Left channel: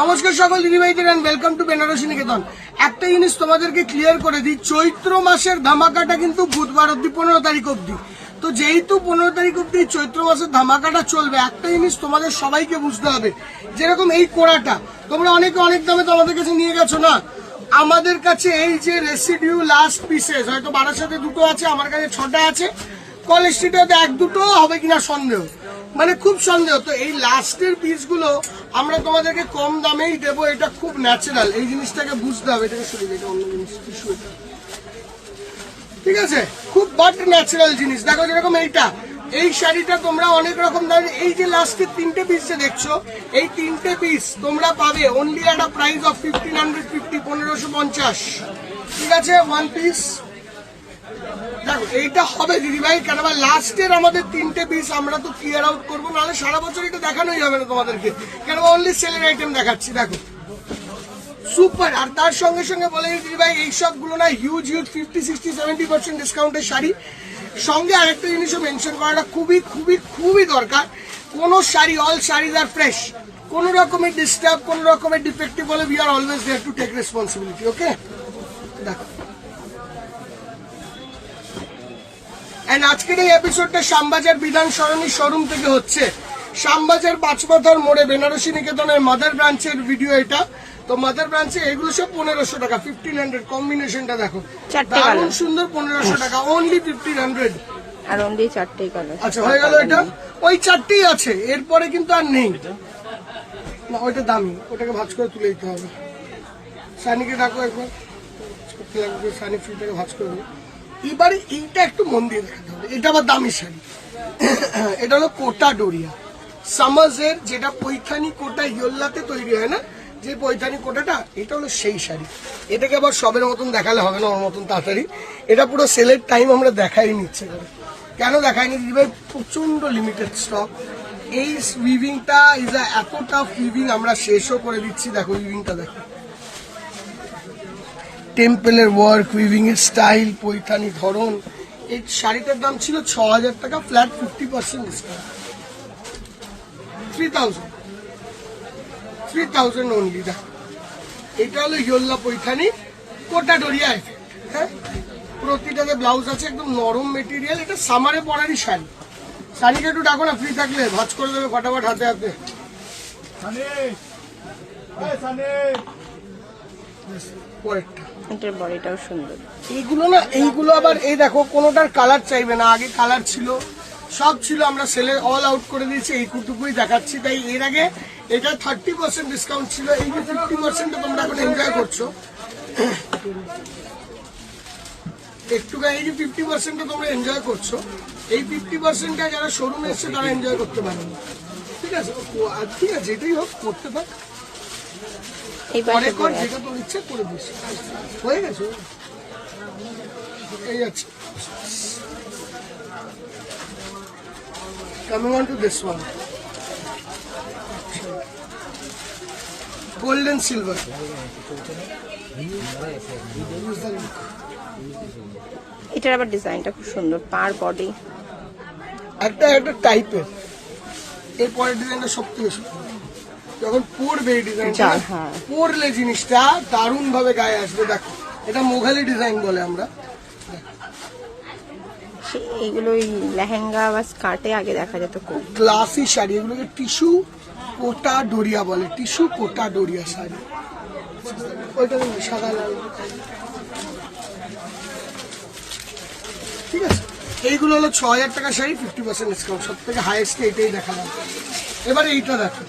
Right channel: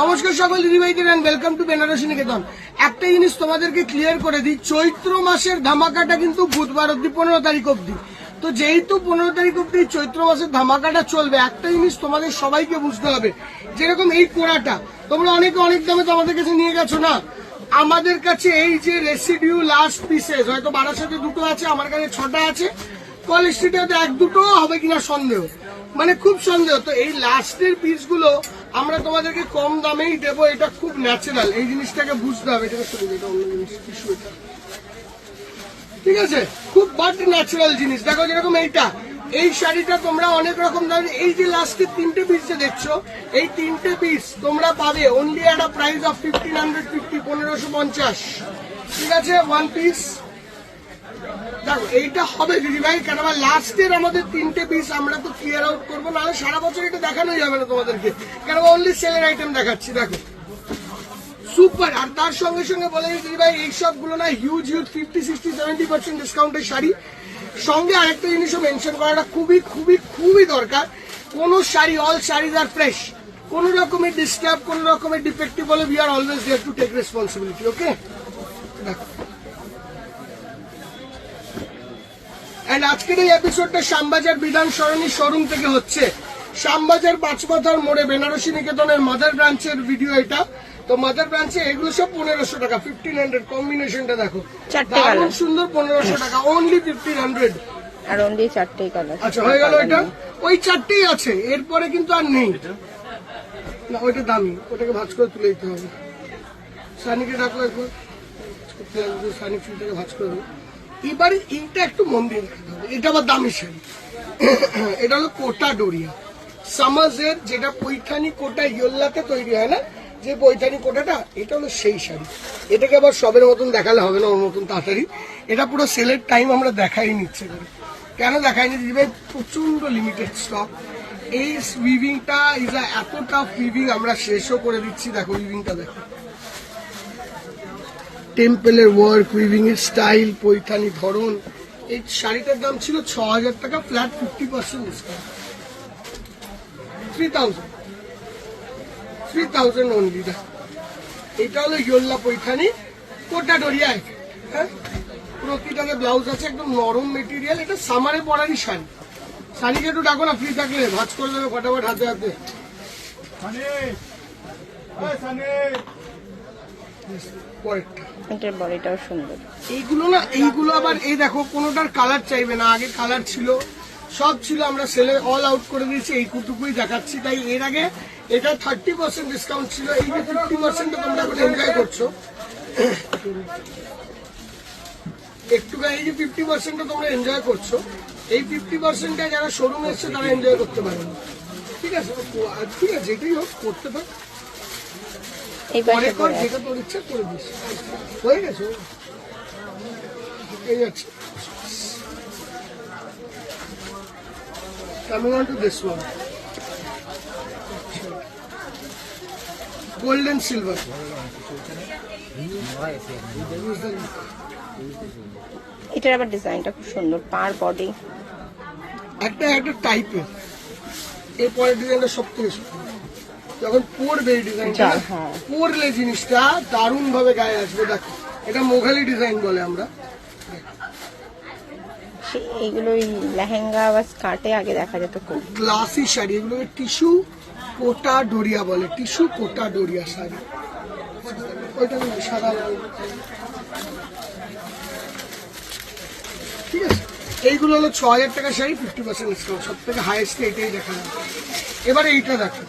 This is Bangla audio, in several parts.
নমস্কার সকল দিদিভাইদের এন্ড ওয়েলকাম টু বেনারসি নিকেতন। একটা জিনিস তোমাদেরকে ক্লিয়ার করে দিই, চৈত্র মাসের ধামাকাটা কিন্তু বুধবার অব্দি 15 তারিখ অব্দি। তো যেহেতু 15 তারিখ অব্দি চৈত্র মাসের ধামাকাটা চলবে, একটা জিনিস তোমাদের সবাইকে বুঝতে হবে, যেরকম এই কোড়াটা তোমরা অনেকে অনেক দামে তো আমাদের কাছে নিয়ে গেছো না, আমাদের কাছে এই যে রেসিডিউ লাস্ট পিসেস, হয়তো বারাসাতে দুটো আছে, আমার কাছে 6টা আছে, কলেজ স্ট্রিটে এক দুটো হবে কিনা সন্দেহ, মানে খুব সন্দেহ। তো এই লাস্টের পিসগুলো আমরা তোমাদেরকে কম দামেই দেবো, এটা খুব ন্যাচারাল, এই জিনিসটাকে বুঝতে হবে। এটাকে শুরু এটা অন্য জিনিস, ঠিক আছে, খুব বাট ন্যাচারাল জিনিস। দেখো যেরকম এইটা, এই শাড়িটা তোমরা অনেক রকম দামে, এই যে লাস্টের 3টে পিস যে দেখছো, এই 3টে পিস তোমরা পাবে only at a price of 1550, 1550, ঠিক আছে, ওয়ান পিস। দেখো এইটা হবে দিদি ভাই, কেন লাস্টের আমাদের 3টে পিস আমরা তো ক্লিয়ার আউট করবো, নাহলে সারা বছর এটা দেখানোই যাবে না তোমাদেরকে, কেন অনলি সেলের আইটেম দেখাচ্ছি। দেখো সুপার, আর তার সঙ্গে সঙ্গে বলে দিদি ভাই এই সবগুলো না হিউজ 50, 60, 70% ডিসকাউন্টের শাড়ি। সঙ্গে আরেকটা জিনিসও মেনশন করাটা খুবই খুবই খুবই দরকার, কোন sari, all saris are fresh, কোন রকমের ডিস্টার্ব, কোন রকমের ডিফেক্টিভ বলে we are always there to take responsibility, okay. দেখো এন্ড আজকের এই এপিসোডটা শ্যামবাজার বিধান সরণি শোরুম থেকে হচ্ছে, শ্যামবাজার 5 মাথার মোড়ে বেনারসি নিকেতনের মাদার ব্রাঞ্চের ভিডিও এটা। তো মাদার ব্রাঞ্চে এগুলো সব 1500 টাকা, 1500 কম্বিনেশনটা দেখো, দারুণ সুন্দর, 1500 টাকা অনলি 1500, আর অনলি 4টেই কালার। আচ্ছা হয়ে গেল, এটা ওই 4টেই আছে, এরপরে কিন্তু আর নেই না, ওইটা দামি, ওটাকে ভাঁজ করে তুলে দিতে হবে। সানিকে ডাকো একবার, সানি ফুলটাকে ভাঁজ করে দেবো। এবারে এইটা একটু মন দিয়ে দেখাতে হবে, এটা আবার দামি শাড়ি, এটা হলো কোটা ডোরিয়া সামাজের, যেটা পৈঠানি কোটা ইয়োল্লাতে তৈরি হয় না, যে পৈঠানি কোটাটা, এটা হলো সেই শাড়ি। এটাকে আবার সবের মতন দেখালে হবে না, ওর মতন তাড়াতাড়ি, এটা পুরো সেলের টাইম আমরা দেখাই নিচ্ছে করে। কেন দেখাইনি দিবে, প্রচন্ড লিমিটেড স্টক। এই উইভিংটা ইজ এত টাফ উইভিং, আমরা শেষও করে দিচ্ছি। দেখো উইভিংটা দেখো, টেম্পলের ওয়ার্ক, উইভিং এর স্টাইল, পৈঠানি ধরন। এই শাড়িটার দাম ছিল 6000 টাকা, ফ্ল্যাট 50% ডিসকাউন্ট, 3000 অনলি। এটা হলো ইয়োল্লা পৈঠানি কোটা ডোরিয়া, হ্যাঁ, প্রতিটাতে ব্লাউজ আছে, একদম নরম মেটেরিয়াল, এটা সামারে পরারই শাড়ি। শাড়িটা একটু ডাকো না, ফ্রি থাকলে ভাঁজ করে দেবে ফটাফট হাতে হাতে। এটার বডিটাও সুন্দর। এইগুলো না, এইগুলো আবার এই দেখো, কোনোটার কালার চাইবে না, আগে কালার ছিল, সব ছিল, আমরা সেলে অল আউট করে দিয়েছি, এইটুকুই দেখাচ্ছি। তাই এর আগে এটা 30% ডিসকাউন্ট ছিল, এই যে 50% তোমরা এখন এনজয় করছো, একটু এই যে 50% তোমরা এনজয় করছো, এই 50%টা যারা শোরুমে এসছে তারা এনজয় করতে পারে না, ঠিক আছে, ঠিক আছে, যেটাই হোক করতে পারে, অনেক যেটা তোর ইচ্ছে করে দিস, হয়ে গেছে, এই আছে। Coming on to this one, gold and silver. এটার আবার ডিজাইনটা খুব সুন্দর, পার বডি একটা টাইপের, এই পরের ডিজাইনটা সব থেকে সুন্দর, যখন পরবে এই ডিজাইনটা, পরলে জিনিসটা দারুণ ভাবে গায়ে আসবে। দেখো এটা মোঘালি ডিজাইন বলে আমরা, এগুলো লেহেঙ্গা বা স্কার্টে আগে দেখা যেত খুব গ্লাসি শাড়ি, এগুলোকে টিস্যু কোটা ডোরিয়া বলে, টিস্যু কোটা ডোরিয়া শাড়ি, ওইটা সাদা, ঠিক আছে। এইগুলো হলো 6000 টাকা শাড়ি, 50% ডিসকাউন্ট, সব থেকে হাইয়েস্ট এইটাই দেখালাম। এবারে এইটা দেখো,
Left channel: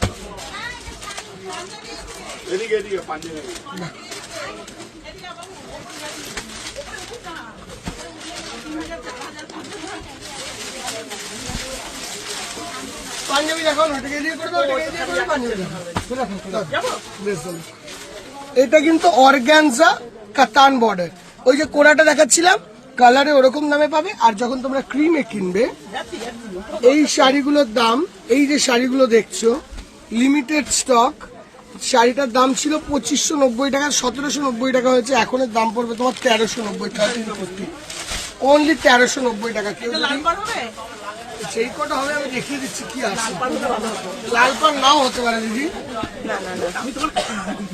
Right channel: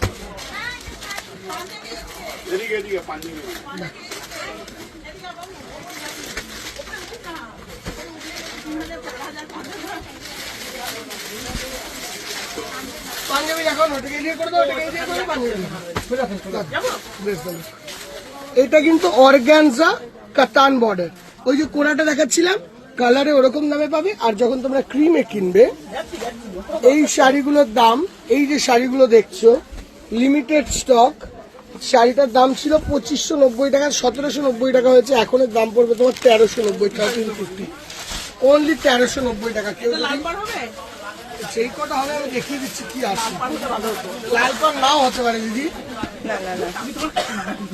পাঞ্জাবি দেখো, ওটাকে দিয়ে করে দাও, পাঞ্জাবি দেখো, এটা কিন্তু অর্গানজা কাতান বর্ডার, ওই যে কোড়াটা দেখাচ্ছিলাম কালারে ওরকম দামে পাবে। আর যখন তোমরা ক্রিমে কিনবে, এই শাড়িগুলোর দাম, এই যে শাড়িগুলো দেখছো লিমিটেড স্টক, শাড়িটার দাম ছিল 2590 টাকা, 1790 টাকা হয়েছে, এখন এর দাম পড়বে তোমার 1390, 1350, অনলি 1390 টাকা। কেউ যদি আচ্ছা, এই কটা হবে, আমি দেখিয়ে দিচ্ছি কি আছে। লাল পান নাও হতে পারে দিদি। না না না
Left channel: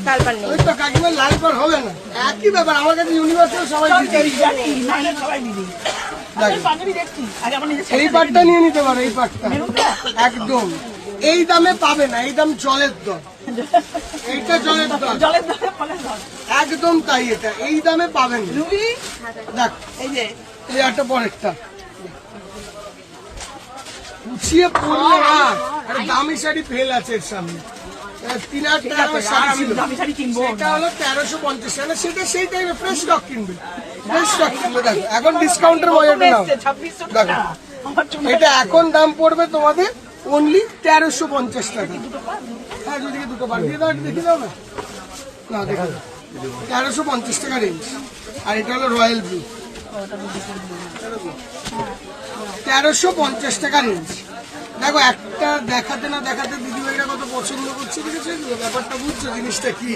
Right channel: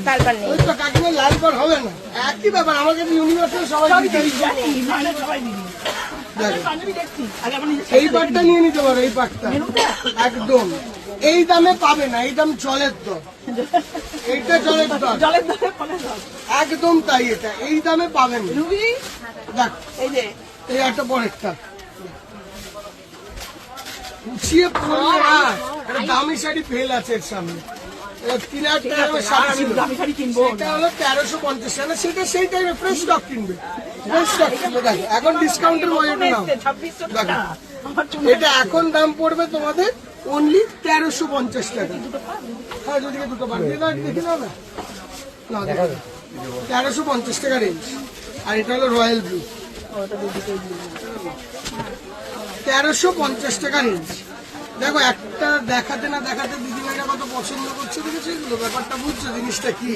লাল পান নেই। ওই তো কাকিমা লাল পান হবে না, একই ব্যাপার। আমার কাছে ইউনিভার্সাল সবাই দিদি। এই পাটটা নিয়ে নিতে পারে, এই পাটটা একদম এই দামে পাবে না, এই দাম জলের দর। এইটা জলের দর একদম তাই, এটা এই দামে পাবেন না। দেখ এই একটা পরেরটা উচিয়ে পড়লো না, একটা দামি শাড়ি ফেল আছে এর সামনে। 3000 টাকা আমার শাড়ি ছিল, সেটা হলো 1350 টাকা। সেটা সেই টাইমে ফ্রেশ স্টক কিনবে, ফ্রেশ স্টক কিনবে। দেখো এখন ডিসকাউন্টের মজাটা নাও। দেখো এটা এখন দাম পড়বে তোমাদের অনলি 1350 টাকা। হ্যাঁ দুদিকে দুটো বার দিয়ে দাও, দেখে দাও না। না দেখো 1350 টাকা রেঞ্জ। আর এটা হলো রয়্যাল ব্লু, 1350 টাকা রেঞ্জ। দেখো একটা দেখাতে না দেখাতে দিদিভাইরা কত পছন্দ করছে, বুঝেছো ব্যাপারটা, বুঝছো জিনিসটা কি।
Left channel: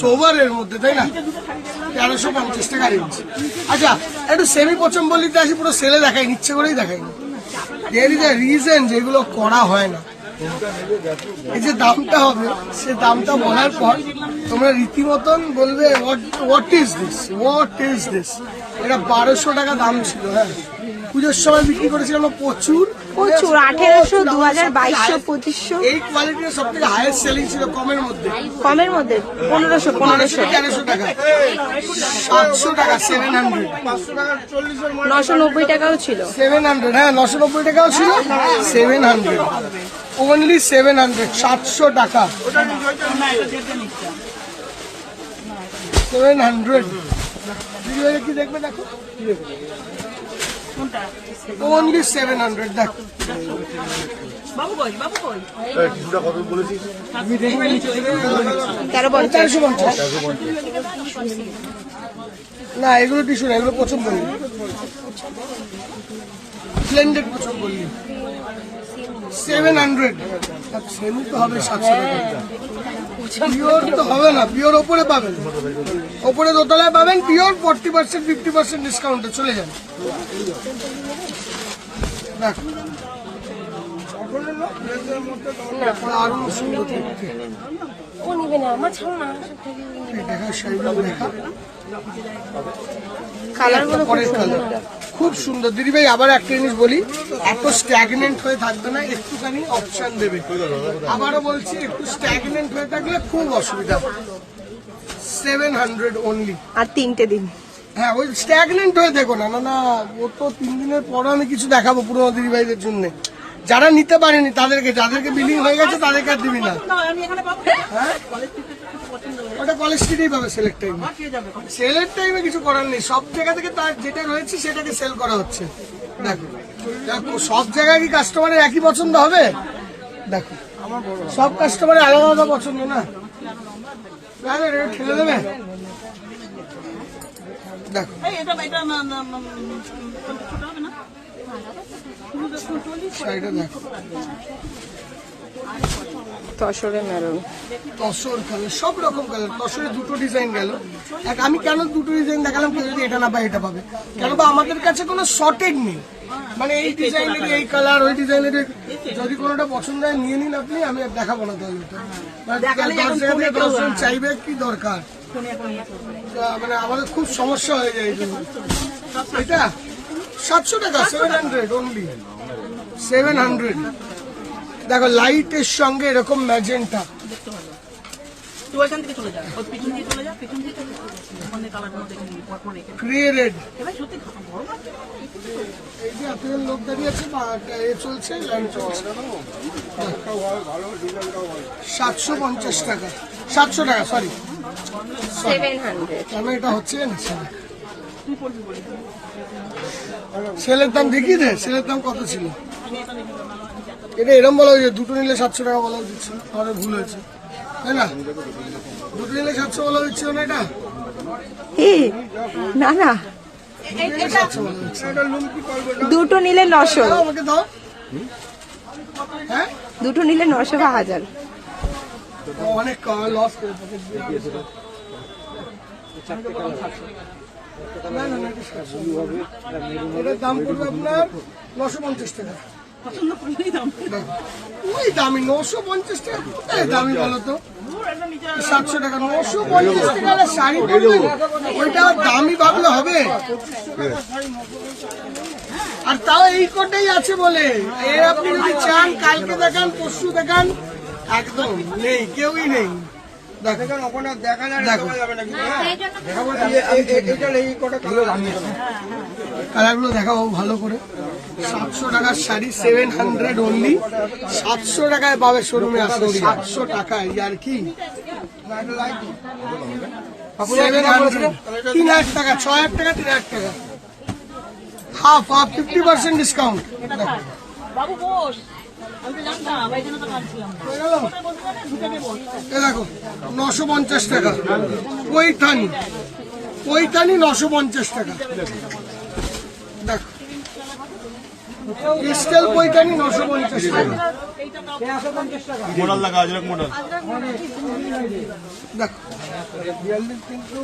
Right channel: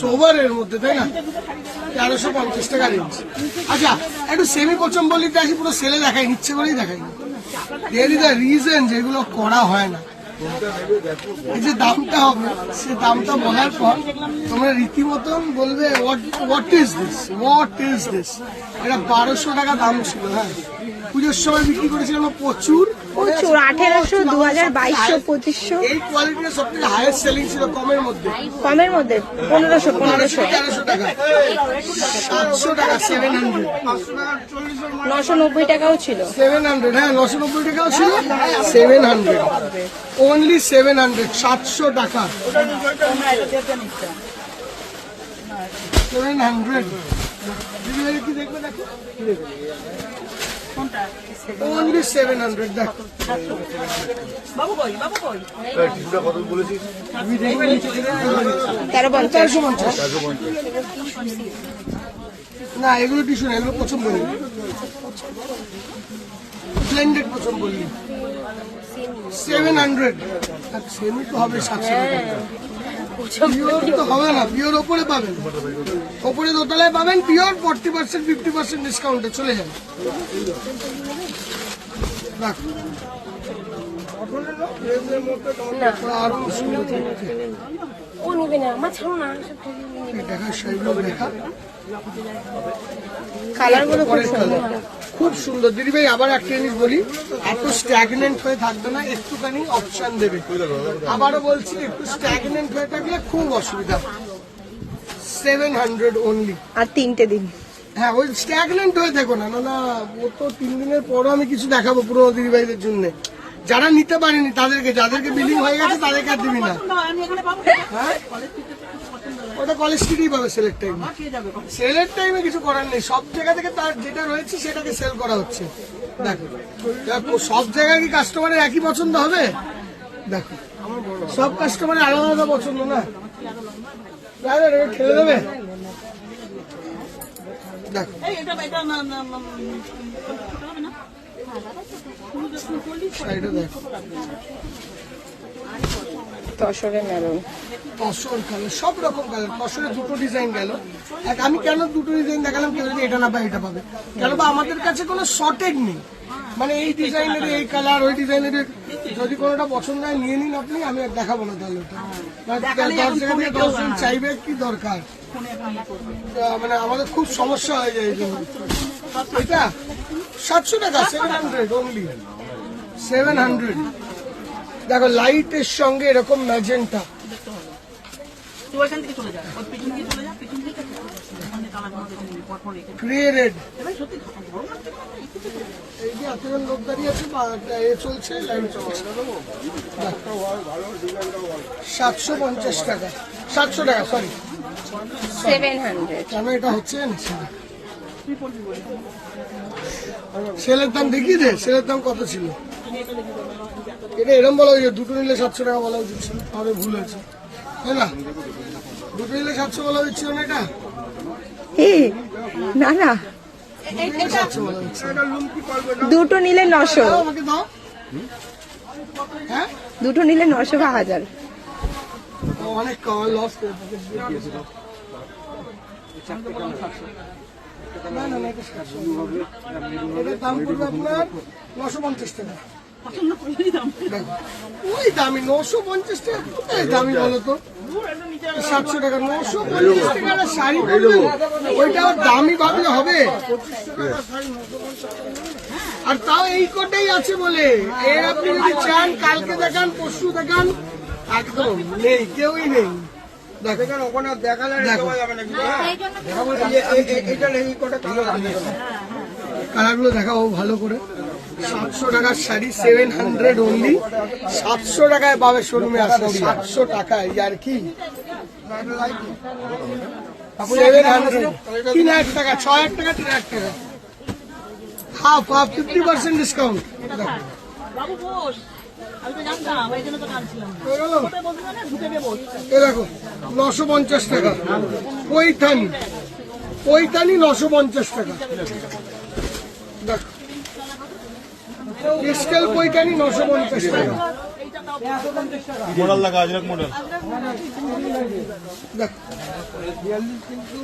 সোভারের মধ্যে তাই না, 1350 টাকা রেঞ্জ। আচ্ছা একটু সেমি পচম্বলিতে আসি, পুরো সেলে দেখাই, ইচ্ছে করেই দেখাইনি। এর রিজন যেগুলো করা হয় না, এই যে দামটা হবে, সে দামটা বলার পর তোমরা রীতিমতন বলবে what is this, what is this. এটা 1200 টাকা দাম ছিল। হ্যাঁ পুজোর সময় বিক্রি করেছিলাম প্রচুর প্রচুর 1800, 2000, 2200, 2500। এই কোয়ালিটির সব থেকে হাইয়েস্ট সেলিং ছিল কমের মধ্যে। কমের মধ্যে 1500, 1300 টাকা, 700 টাকা, 700, 990 টাকাও ছিল। 700, হ্যাঁ 990 টাকাও ছিল, 700 অনলি 700, 700 টাকা, 700। কি দেখবে দেখো, অনলি 700। দেখো কত বলেছিস? 1350। না এগুলো টিস্যু না, এগুলো পছন্দ বলি, ব্লেন্ডেড পছন্দ বলি। 700, সেমি তো হবে 700 টাকা। পিওর তো হবে না, পিওর ওপরে পাবেন, ওপরে দোতলায় পাবেন পিওর। 40%, 50% ডিসকাউন্টে চলে যাবে। দেখো আরো সুন্দর ও নিবে না, আমার ছাড়ো না। দেখা, সেইগুলো দেখা কালার গুলো খুব সুন্দর। খুব সুন্দর। দিদি ভাই আবার একটা জিনিস বলি, এত স্ট্যাগনেন্ট হয়ে থাকবে না, একটুখানি অপশন দেবে। আবারও বলছি, একটু স্ট্যাগনেন্ট হয়ে থাকলে খুব অসুবিধা। 700 অনলি। আর 3টে দিন। হ্যাঁ ওই স্ট্যাগনেন্ট হয়ে দেখো না, না ও তো 3 দিনের পর আমি কিছু দেখাবো পুরো দিদি ভাইদের জন্য। যারা নিতে পারেনি তাদেরকে, যাদেরকে বিলিং হয়ে গেছে তাদেরকে আর দিবি না। হ্যাঁ ওটা কলেজ স্ট্রিটেই পাবে সেলের টাইমে। সেলের টাইমে কিছু করার নেই, সব জায়গা থেকে তার যেটা রয়েছে সেটাকে সেল করা হচ্ছে। দেখো সব জায়গায় কি কাস্টমারের একই পছন্দ হবে? দেখো সব কাস্টমারের আলাদা আলাদা পছন্দ না, ঠেলে দেবে। দেখো শাড়িটা দেখো, তসরের মেরুন, তসর কালার, সব রকম কালার। তসরের দুটো ডিজাইন গেল। আমি কেন দুটো ডিজাইন দেখালাম, কেউ যদি এটা না পায় এটা পাবে, কেন বা আমাদের কাছে কোনো শর্টেজ নেই। মানে এই ডিজাইনের এই কালার, ওই ডিজাইনের, যদি কোনোটা পছন্দ হয় নিয়ে নিন আপনি, আমি আর দেখাবো না। তাহলে ওটা 10 জায়গা থেকে 10 জন চাইবে, কি দরকার। মানে আমাদের খুব সমস্যা হয়ে যায় এই জন্য। এটা 700 টাকা, 700 অনলি, 700। দেখো লাইটের সঙ্গে এরকম ম্যাজেন্টা, গ্রে রেড। এই যে আপনার লোক দাঁড়িয়ে আছে, চলছে লাইন চলছে। 750 টাকা, 700 টাকা, সরি 700। কেন এটা হচ্ছে না, সেলের দাম দেখিয়ে দে। সেলের দাম কত ছিল? এটা এরকম বলা হয়েছে, দুটো নিলে 700 টাকা বলা উচিত ছিল, তাহলে ভুল হয়েছে তাই না? দুটো নিলে 700 বলা হচ্ছিল না, এটা না না, 700 বলা হচ্ছে। দুটো নিলে 900, দাও আমাকে দাও। হ্যাঁ দুটো নিলে 900 বা 1000। অনেক লস করে পকেট দিয়ে। না না না, এটা 700 এটার দাম পড়বে আপনার 950 টাকা। ওই দামি 950 টাকা, কোথায় দামি বলো তো? 700 টাকা, 950 টাকা একটা শাড়ি পরবেন, ওইটা দামি ভাবলে হবে? আর তাও এই কোটাই আছে বলে, এর আপনি যদি চান কালকে দেখান, পরশু দেখান, একদম নেই, কেউই নেই। দেখেন ওখানে দেখালে কালারগুলো দেখাবো ভালো করে। 700 টাকার শাড়ি, 700 অনলি। 700 টাকায় পাবে শোরুমে আসলে, 700 টাকায় আর কি 700, 3000 টাকা, 6000 টাকা, 3000 টাকা, হাফ 50% ডিসকাউন্ট। বাবু বস, আমি তো জানতাম, এই জন্য তো কাঁদছিলাম। এ দেখো 950 টাকা পৈঠানি, পৈঠানি 950 টাকা। দেখো ক্রিস্টাল পৈঠানি 950 টাকা। মডেল লাগা আজরাক মডেল। দেখো কিন্তু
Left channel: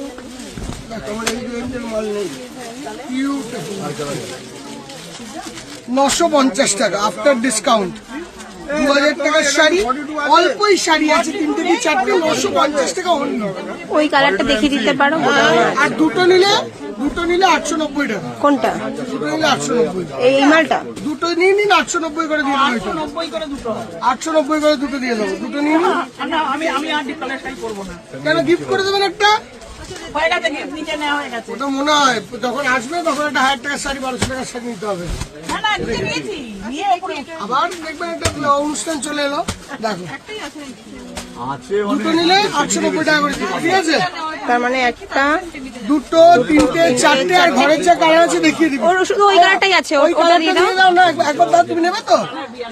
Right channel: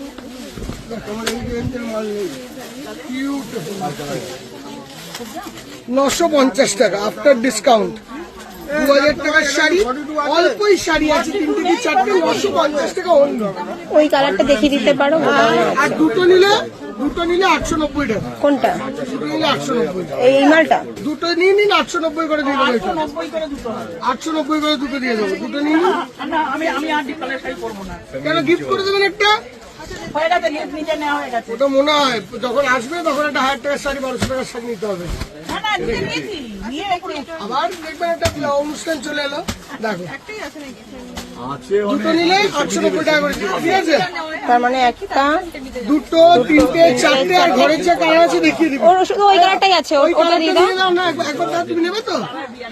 দেখো আমার এই রেঞ্জের মাল নেই। কিউট 950 টাকা আফটার ডিসকাউন্ট। 2000 টাকার শাড়ি, অল্পই শাড়ি আছে, 3 থেকে 4টে, 950 টাকা অনলি। ওই কালারটা দেখিয়ে দিতে পারো, গোডাউনে আছে। আর দুটো নিলে 890 টাকা। কোনটা? দুটো নিলে 890। এই মালটা? দুটো নিয়ে নিন, 890 করে দিয়ে দেবো। 890 করে দুটো দিয়ে দেবো। দুটো নিয়ে নিন। কেন গিফট করে দেবেন একটা? হয়ে গেছে, নিচে নেওয়া হয়ে গেছে। ওটা মনে হয় যখন আসবে তখন একটা 1000 টাকার শাড়ি, 1200 টাকার শাড়ি নিতে হবে। না না, নিচে নিয়েছি, নিয়ে এখন আবার দেখবেন একটা অনুষ্ঠান চলে এলো। দেখো আছে দুটো নিলে 890 টাকা করে, ঠিক আছে? তার মানে একটা, দুটো, 3টে, 4টে, আর ঘরের যা কালার আছে দেখিয়ে দিবি। ওর শুধু ওই কালারটাই আছে, ওই ওটা দিয়ে কালারটা দাও। দিয়ে দাও না, একবার দাও। তুমি নেবে তো?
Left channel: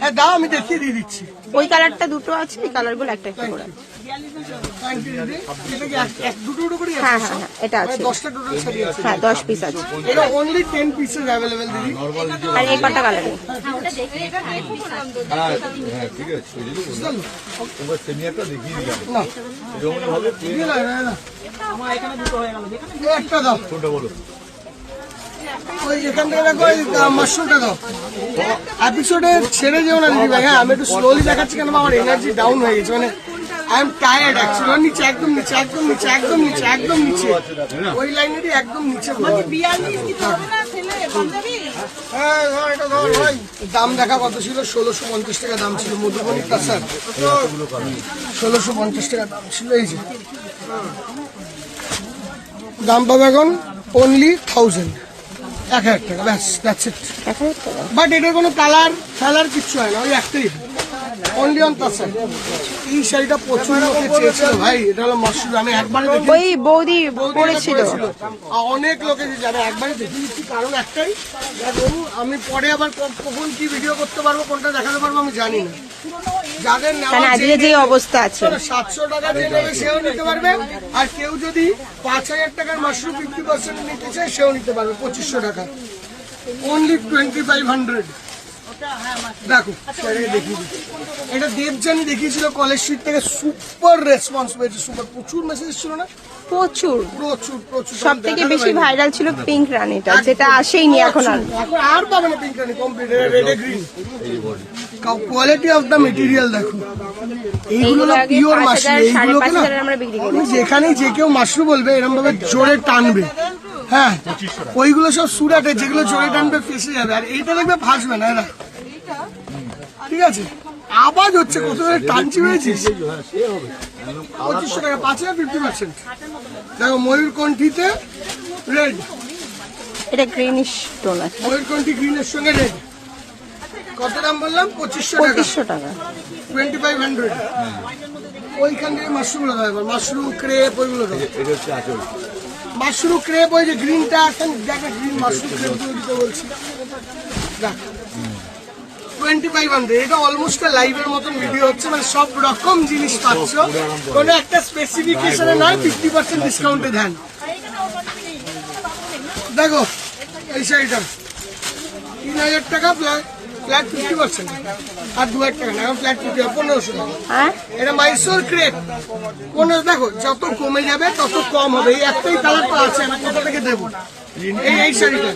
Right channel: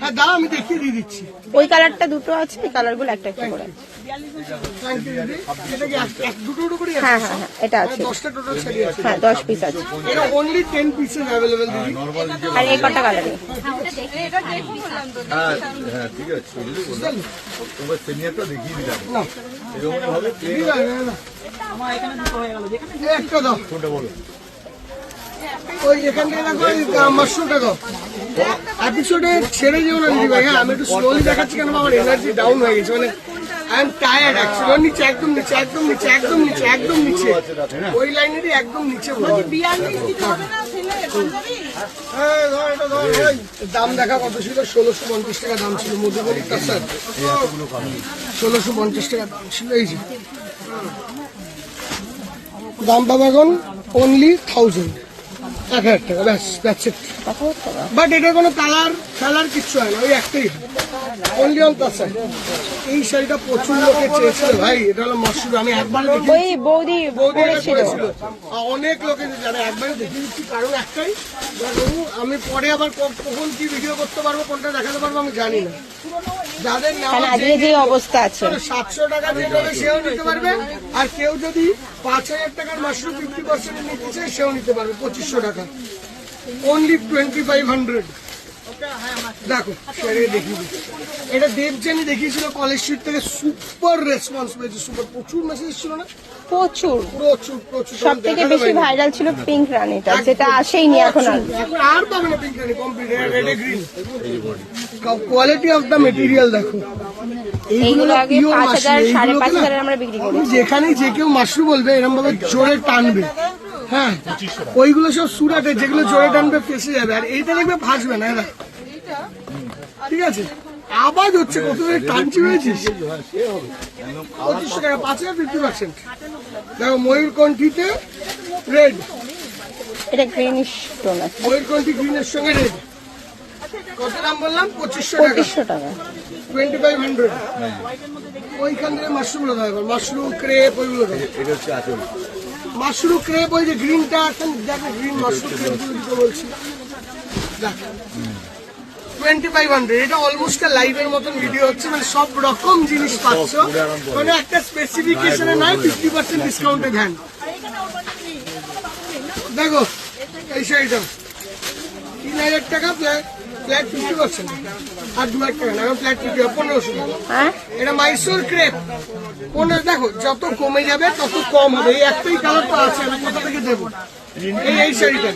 হ্যাঁ দাও, আমি দেখিয়ে দিয়ে দিচ্ছি। ওই কালারটা দুটো আছে, এই কালারগুলো একটা একটা করে আছে। Thank you, দিদি। এটা কি দুটো দুটো করে আছে? হ্যাঁ হ্যাঁ হ্যাঁ, এটা আছে। 10টা টোটাল শাড়ি আছে। হ্যাঁ 10 পিস আছে। এটা অনলি 10 পিসেস অ্যাভেলেবেল দিদি। আর এই কটা কালারে? হ্যাঁ হ্যাঁ ঠিক আছে, তোমার সিনিয়রটা দেখিয়ে দিলাম। না এরকম ভাবে দিদি না, না, না। এই একটা দাও, কোনটা বলো? ওই এখান থেকে রাখো, ওই মাশরুমটা দাও। এপিসোডে ছেড়ে যেও না দিদি ভাই। হ্যাঁ আমি একটু স্লোলি দেখাচ্ছি, কেন আমার এনার্জি ডাউন হয়ে গেছে, মানে আই এম টায়ার্ড অ্যাকচুয়ালি। নিচে একদম নিচে, একদম নিচে, একদম নিচে, একদম নিচে, ওই লাইনেরই একদম নিচে বলো। দাম দেখা কত ছিল? 1650 টাকা দাম ছিল। মধুবনী কাঁচার 1650 টাকা দাম ছিল। এই যে দাম পাবে এখন অনলি 1000 টাকা, ব্যাস দ্যাটস ইট। 1000 টাকা? বাট এটার কোনো কালার কিচ্ছু হয় না, ওই একটাই অনলি অন তাছাড়া। এই শাড়িটা প্রচুর লোকে চেয়েছিল ভাই, এটা হলো মাশরুম। আমি একবারে দেখি ওই বৌদি পড়েছিল। অনেক লোকে যারা একবারে দেখিয়ে দিচ্ছি, কারণ একটাই, দেখো আমি পরে আবার কখন কি ভিডিও করতে পারবো, কোনটা দেখাতে পারবো আমি জানি না। যাদের মানে নেওয়া আজকে যে অবস্থা আছে, 700 টাকা দিয়ে নেবে সেও নিতে পারবে, আর কেউ যদি 5000 টাকার মাশরুম 50% নিতে চায় সেও নিতে পারবে 2500 টাকা। অনলি 2500। দেখো সেটাকে দেখিয়ে দিচ্ছি। এটা দেবজানি দেখিয়েছিল কলেজ স্ট্রিট থেকে, সুপার রেসপন্স পেয়েছে, সুপার। প্রচুর মেসেজ ছিল না, প্রচুর। প্রচুর প্রচুর। সব থেকে বেশি ভাইরাল ছিল পিঙ্ক রানীটা, যেটা আসেইনি এখন আর। এখন আর পাবে না pink Rani, complete red green. Quality of the material দেখো। এইগুলো আগে pure 5000, mushroom। 5500 আমরা বিক্রি করি। যেখানেই যে কেউ মাশরুম বলবে এরকম ভাবে জোরে টানবে। হ্যাঁ ওইগুলো সব সুরাটে, যেগুলো জোরে টানবে ফেসে যাবে, আর এইটা দেখবে ফাঁসবে না। এরা ঠিক আছে, আওয়াজ হচ্ছে কত জোরে টানছি হয়েছিস। 2500 টাকা, 5000 50%। দেখো ময়ূরকণ্ঠীতে রেড, এটা গ্রিনিশ টোন আছে, ময়ূরকণ্ঠী গ্রিনের সঙ্গে রেড। কত দাম বললাম? 2500 টাকা, 2500 টাকা। 2500। ওইখান থেকে মাশরুম দেখো, মাশরুম ক্রেপ, ওইগুলো দেখো। এটা হচ্ছে আচল। মাশরুম ক্রেপ, ওই যে গ্রিনটা এখন দেখো, গ্রিন মাশরুম ক্রেপ দিতে বলছি। দেখ 2500। এটা অলমোস্ট লাইভের মতন ভিডিও হচ্ছে, মানে সব রকম জিনিস পাচ্ছ, কোনো একটা স্পেসিফিকেশনে না 50% ডিসকাউন্টে দেন। দেখো এই শাড়িটা 3000 টাকা ফ্ল্যাট 50%। আর 2000 টাকা না, এখন ফ্ল্যাট 1500 টাকা। হ্যাঁ এটা মাইসোর ক্রেপ 15, দেখো যত কমে যাবে তত কম হবে। এই একটাই কালার তো আছে, আমি কোথা থেকে দেবো এই শাড়িটা।